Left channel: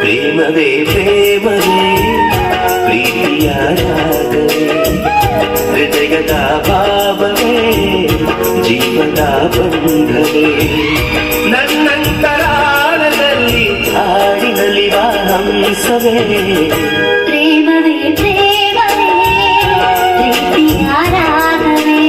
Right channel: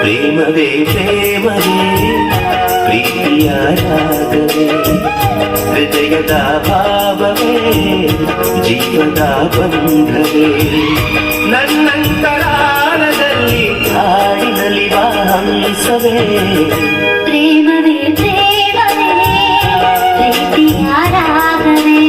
ప్రేమవే ప్రేమవే ప్రియరాగవే హృదయదా భావవే జీವದಾ ಬಂಧವೇ ನನ್ನಂತರಾಳದಲ್ಲಿ ಹಾಡಿನಲ್ಲಿ ಹಂಸವೇ ಪ್ರೇಮವೇ ಪ್ರೇಮವೇ ಪ್ರೀತಿಯಾರ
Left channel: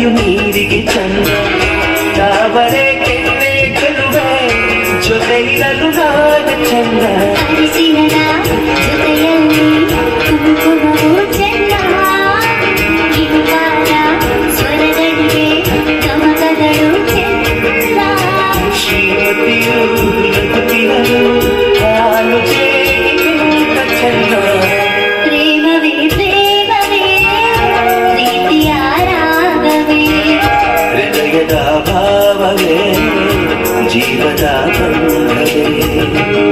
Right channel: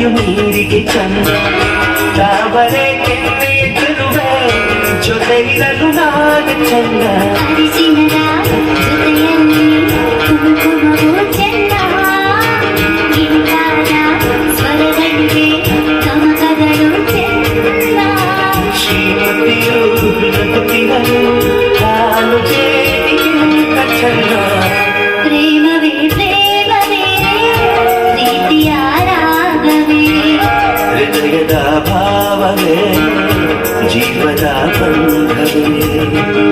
ಕರೆಯು ನೀರಿಗೆ ಚಂದ ತಾವರೆ ಕೆತ್ತೆ ಕರುವೆ ಜೊತೆಗಿರಲು ನಾಗ ಚಂದ जगदा भाववे जीवता बन्धवे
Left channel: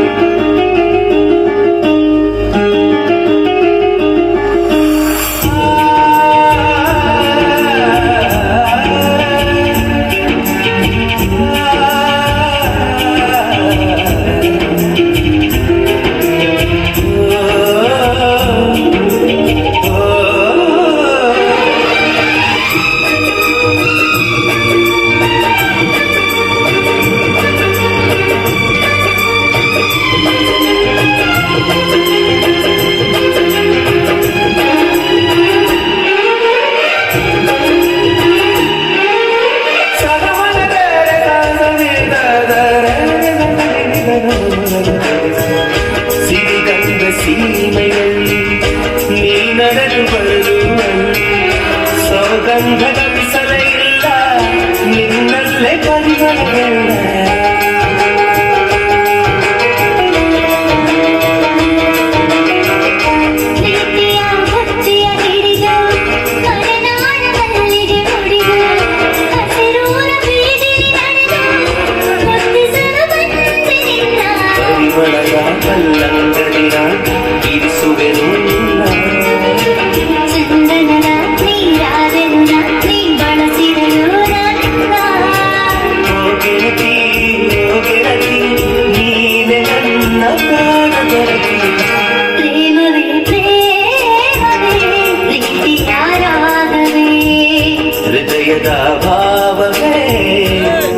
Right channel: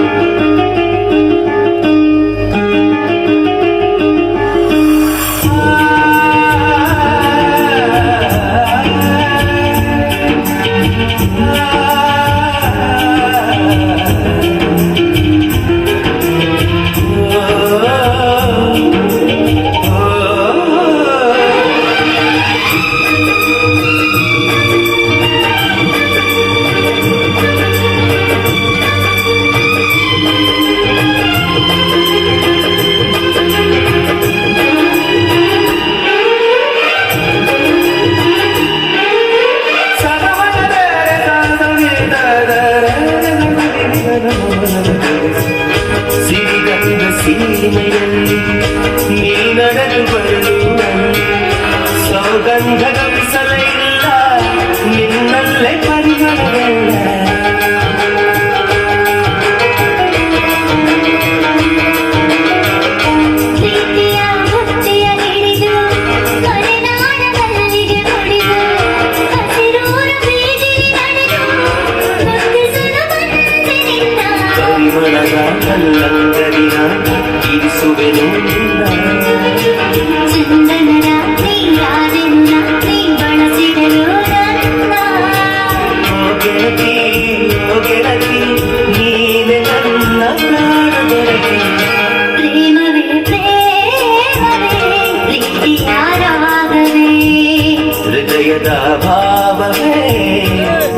ಹೃದಯದ ಭಾವವೇ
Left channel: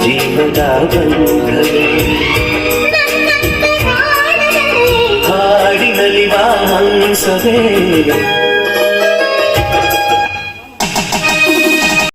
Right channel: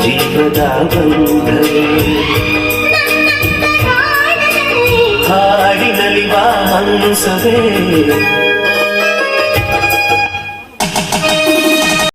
ಜೀವದ ಬಂಧವೇ பேசவே